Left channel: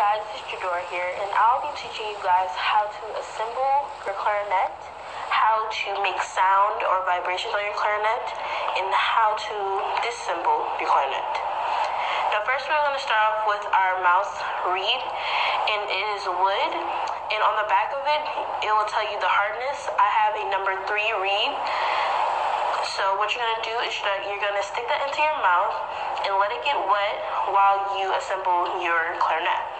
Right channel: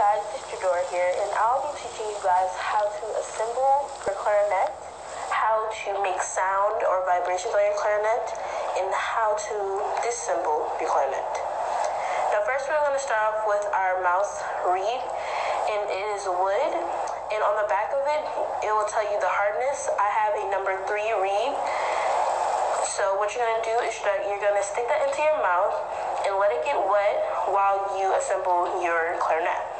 guys, it's Jador here, and I'll be teaching you guys how to assemble your clarinet, how to make sound or vibrations on your clarinet, and how to disassemble your clarinet. Now first we're going to start off with our mouse reed, and it is wood, and on the back of it, it will tell you the hardness. I have a number 3 reed. So what you're going to do is that you're going to stick that into your mouth and let it get wet while you assemble your clarinet.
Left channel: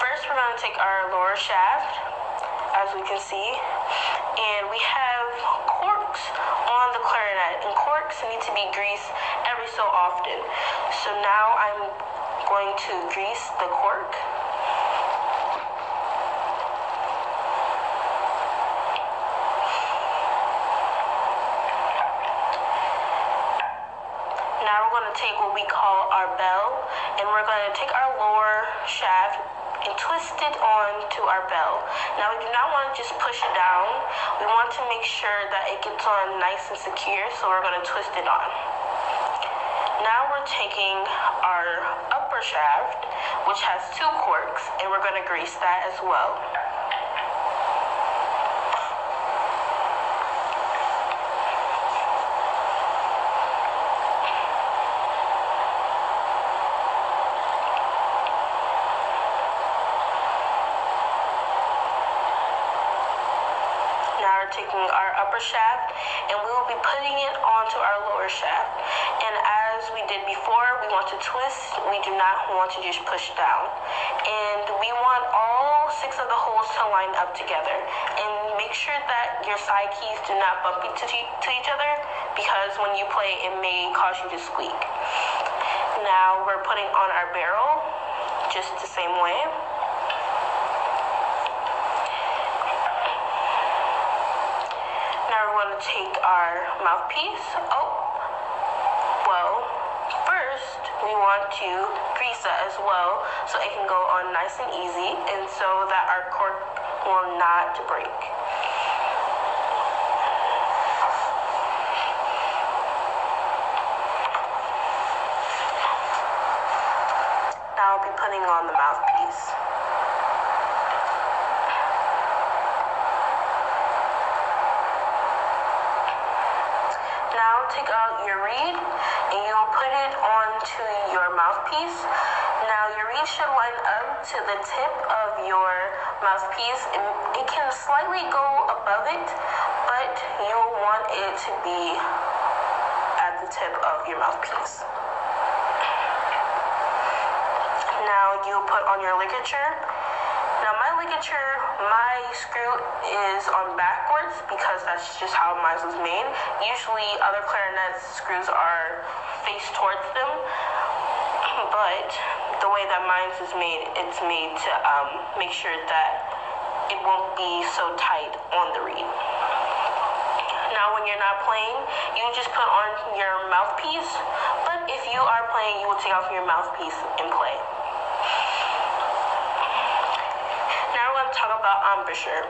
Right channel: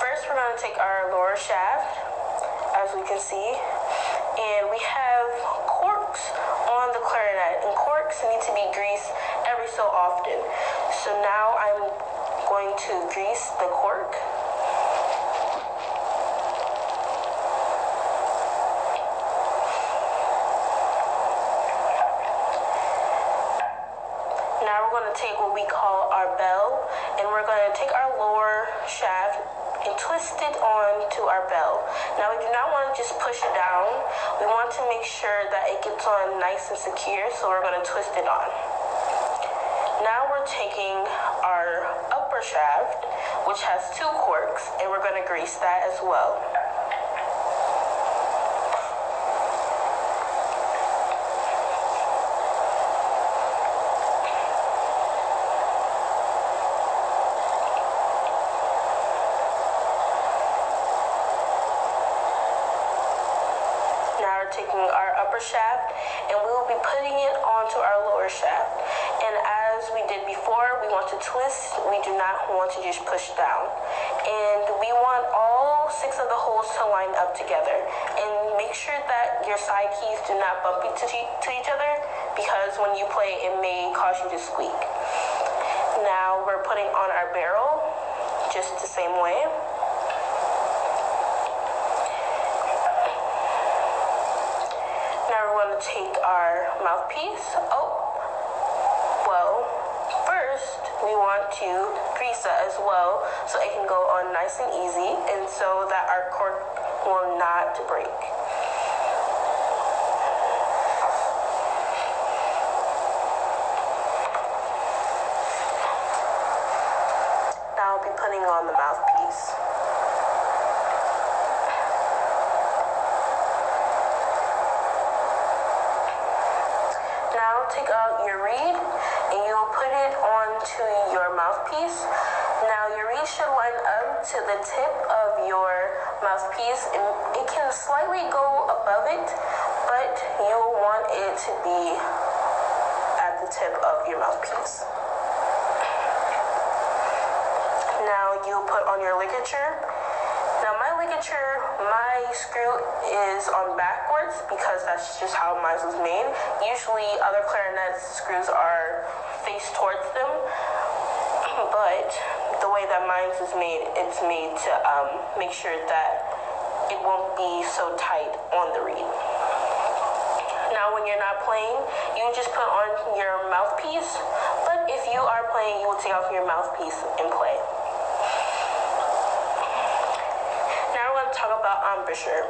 First, we're going to take our lower shaft, as we can see, and we have corks on the clarinet, and corks need to be greased every so often. So now I'm going to grease the cork. Now we're going to take what we call our bell, and we're going to take our lower shaft and twist it onto our bell. Now we do not want to just push it down. We want to make sure that it gets on nice and secure, so we're going to twist it on. Now we're taking our upper shaft, which has 2 corks, and we're going to grease that as well. Taking our upper shaft, and we will be putting it onto our lower shaft. And as we did before, we want to twist. We do not want to just push down. And we want all 6 of the holes to line up together. And make sure that your side keys do not bump into each other, because when you play, it may cause you to squeak. Now we're putting on our barrel just the same way. Take our mouthpiece. First we want to grease it as well, so it can go on nice and easy, and so that our cork will not break. Now I'll be putting on the mouthpiece. Take out your reed and you'll put it onto your mouthpiece. Now your reed should line up to the tip of your mouthpiece, and it can slightly go above it, but you'll want it to be at the tip of your mouthpiece. Now you'll put on your ligature. Now my screw is on backwards because that's just how mine was made. Usually other clarinets screws are faced towards them, but the way that mine is made, it's made to make sure that it won't be so tight on the reed. Now when you're not playing, you just put on your mouthpiece, but if you are playing, you will take off your mouthpiece and play. Talk about embouchure.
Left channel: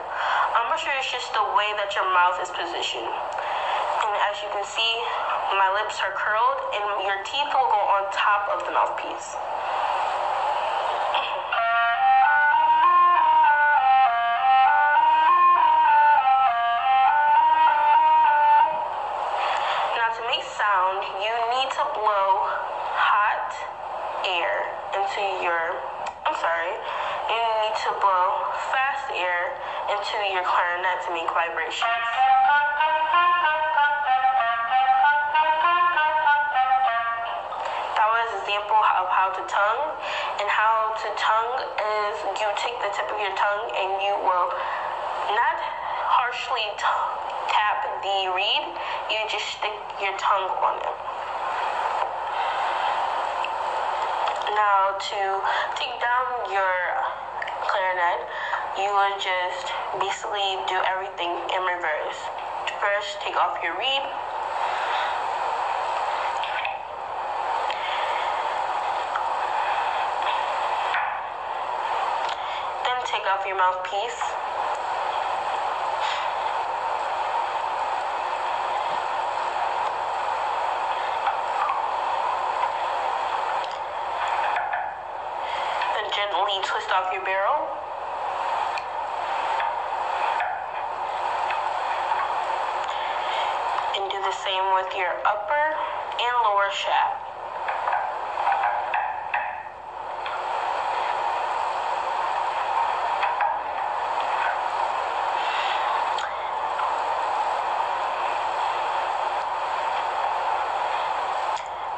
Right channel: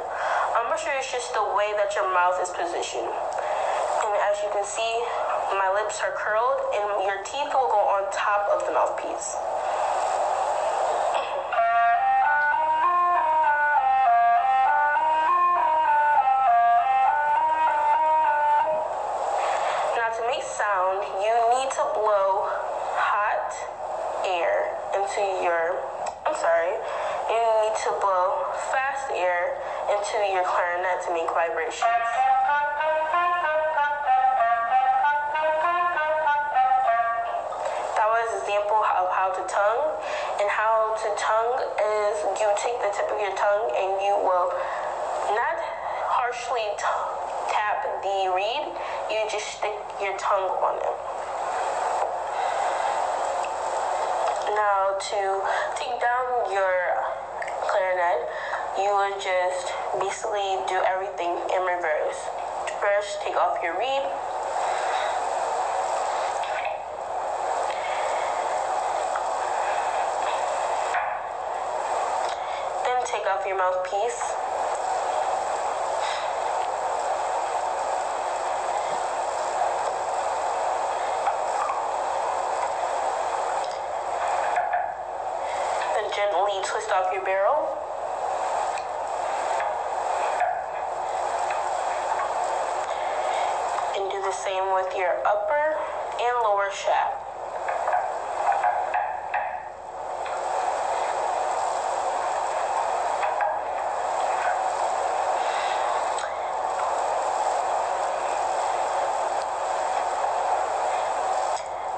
Embouchure is just the way that your mouth is positioned. And as you can see, my lips are curled, and your teeth will go on top of the mouthpiece. Now to make sound, you need to blow hot air into your, you need to blow fast air into your clarinet to make vibrations. That was an example of how to tongue. And how to tongue is you take the tip of your tongue and you will not harshly tap the reed, you just stick your tongue on it. Now to take down your clarinet, you would just basically do everything in reverse. First, take off your reed. Then take off your mouthpiece. you twist off your barrel. And do the same with your upper and lower shaft.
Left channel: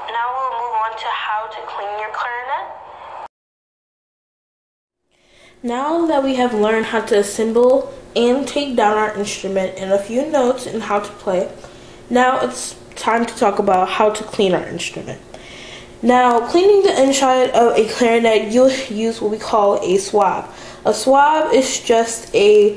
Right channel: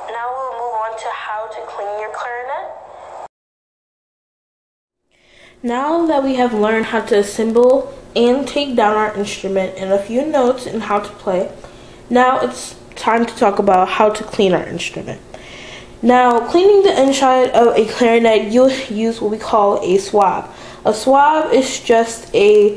Now we'll move on to how to clean your clarinet. Now that we have learned how to assemble and take down our instrument and a few notes and how to play, now it's time to talk about how to clean our instrument. Now, cleaning the inside of a clarinet, you'll use what we call a swab. A swab is just a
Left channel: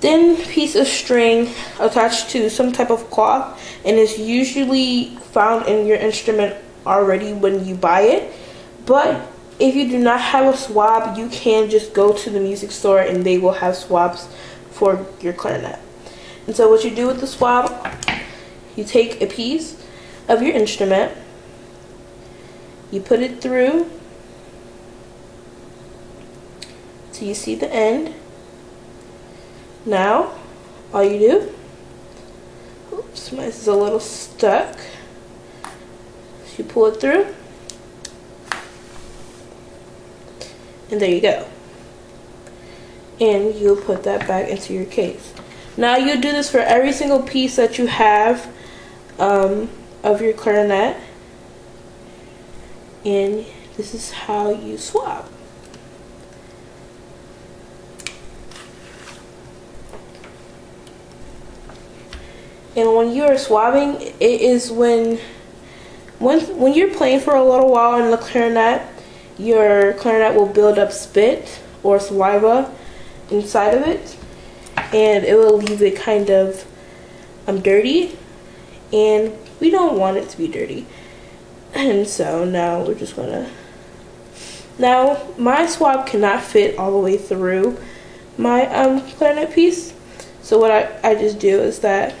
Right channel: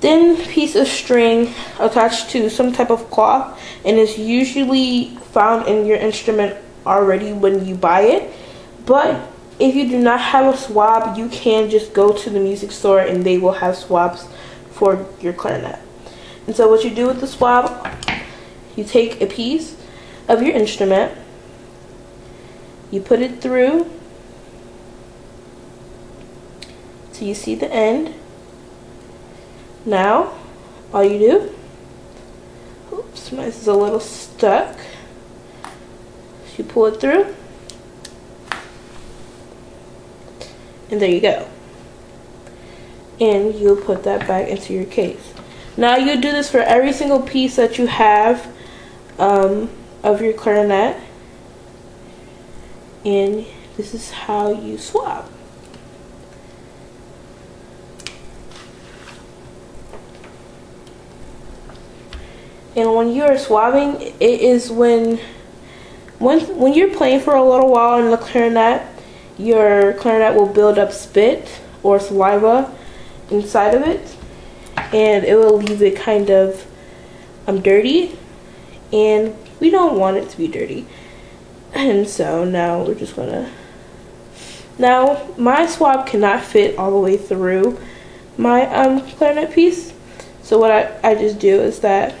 thin piece of string attached to some type of cloth, and is usually found in your instrument already when you buy it. But if you do not have a swab, you can just go to the music store and they will have swabs for your clarinet. And so what you do with the swab, you take a piece of your instrument, you put it through so you see the end. Now all you do, oops, mine is a little stuck, so you pull it through, and there you go. And you'll put that back into your case. Now you do this for every single piece that you have of your clarinet, and this is how you swab. And when you are swabbing, it is when you're playing for a little while in the clarinet, your clarinet will build up spit or saliva inside of it, and it will leave it kind of dirty, and we don't want it to be dirty. And so now we're just gonna, now my swab cannot fit all the way through my clarinet piece, so what I just do is that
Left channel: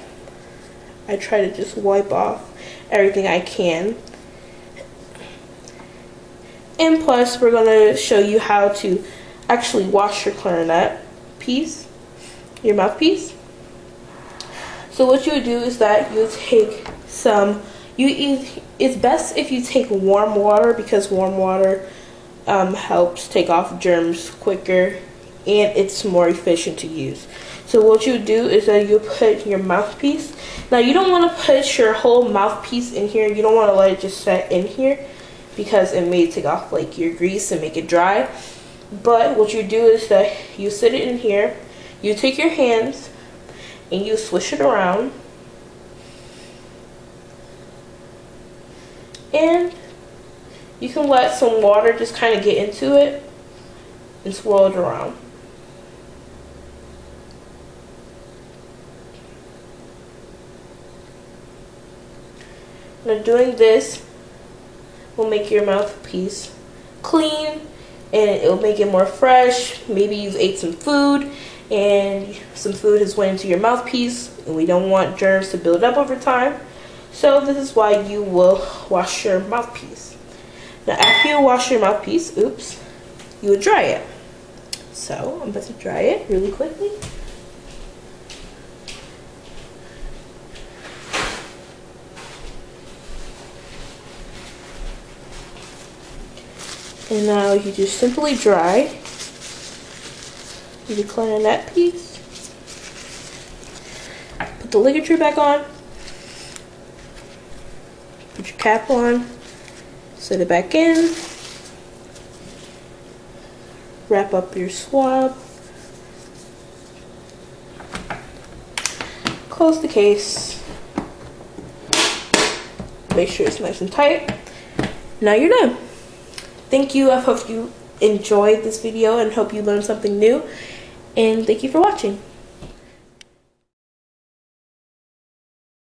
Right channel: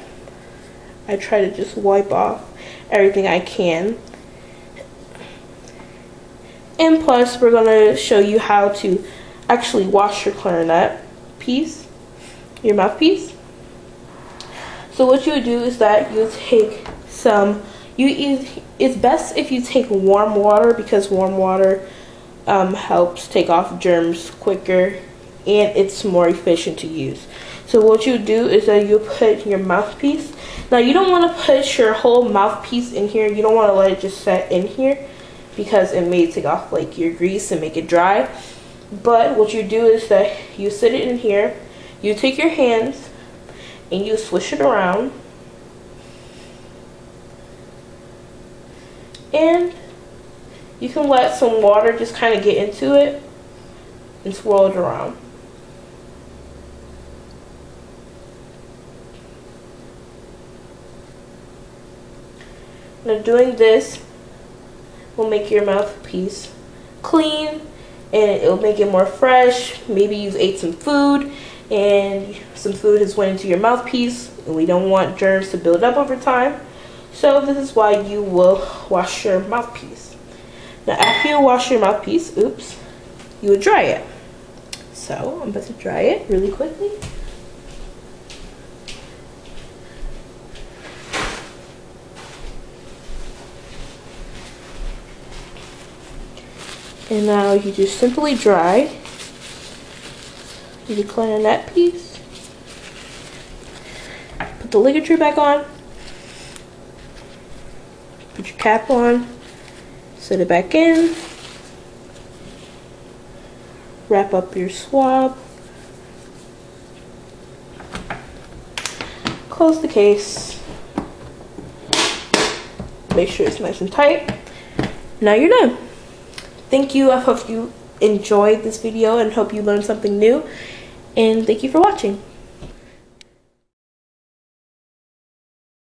I try to just wipe off everything I can. And plus, we're gonna show you how to actually wash your clarinet piece, your mouthpiece. So what you would do is that you take some, it's best if you take warm water, because warm water helps take off germs quicker and it's more efficient to use. So what you do is that you put your mouthpiece. Now you don't want to put your whole mouthpiece in here. You don't want to let it just set in here, because it may take off like your grease and make it dry. But what you do is that you sit it in here, you take your hands and you swish it around, and you can let some water just kind of get into it and swirl it around. Now doing this will make your mouthpiece clean, and it will make it more fresh. Maybe you've ate some food and some food has went into your mouthpiece, and we don't want germs to build up over time. So this is why you will wash your mouthpiece. Now after you wash your mouthpiece, oops, you would dry it. So I'm about to dry it really quickly. And now you just simply dry your clarinet piece. Put the ligature back on. Put your cap on. Set it back in. Wrap up your swab. Close the case. Make sure it's nice and tight. Now you're done. Thank you. I hope you enjoyed this video and hope you learned something new. And thank you for watching.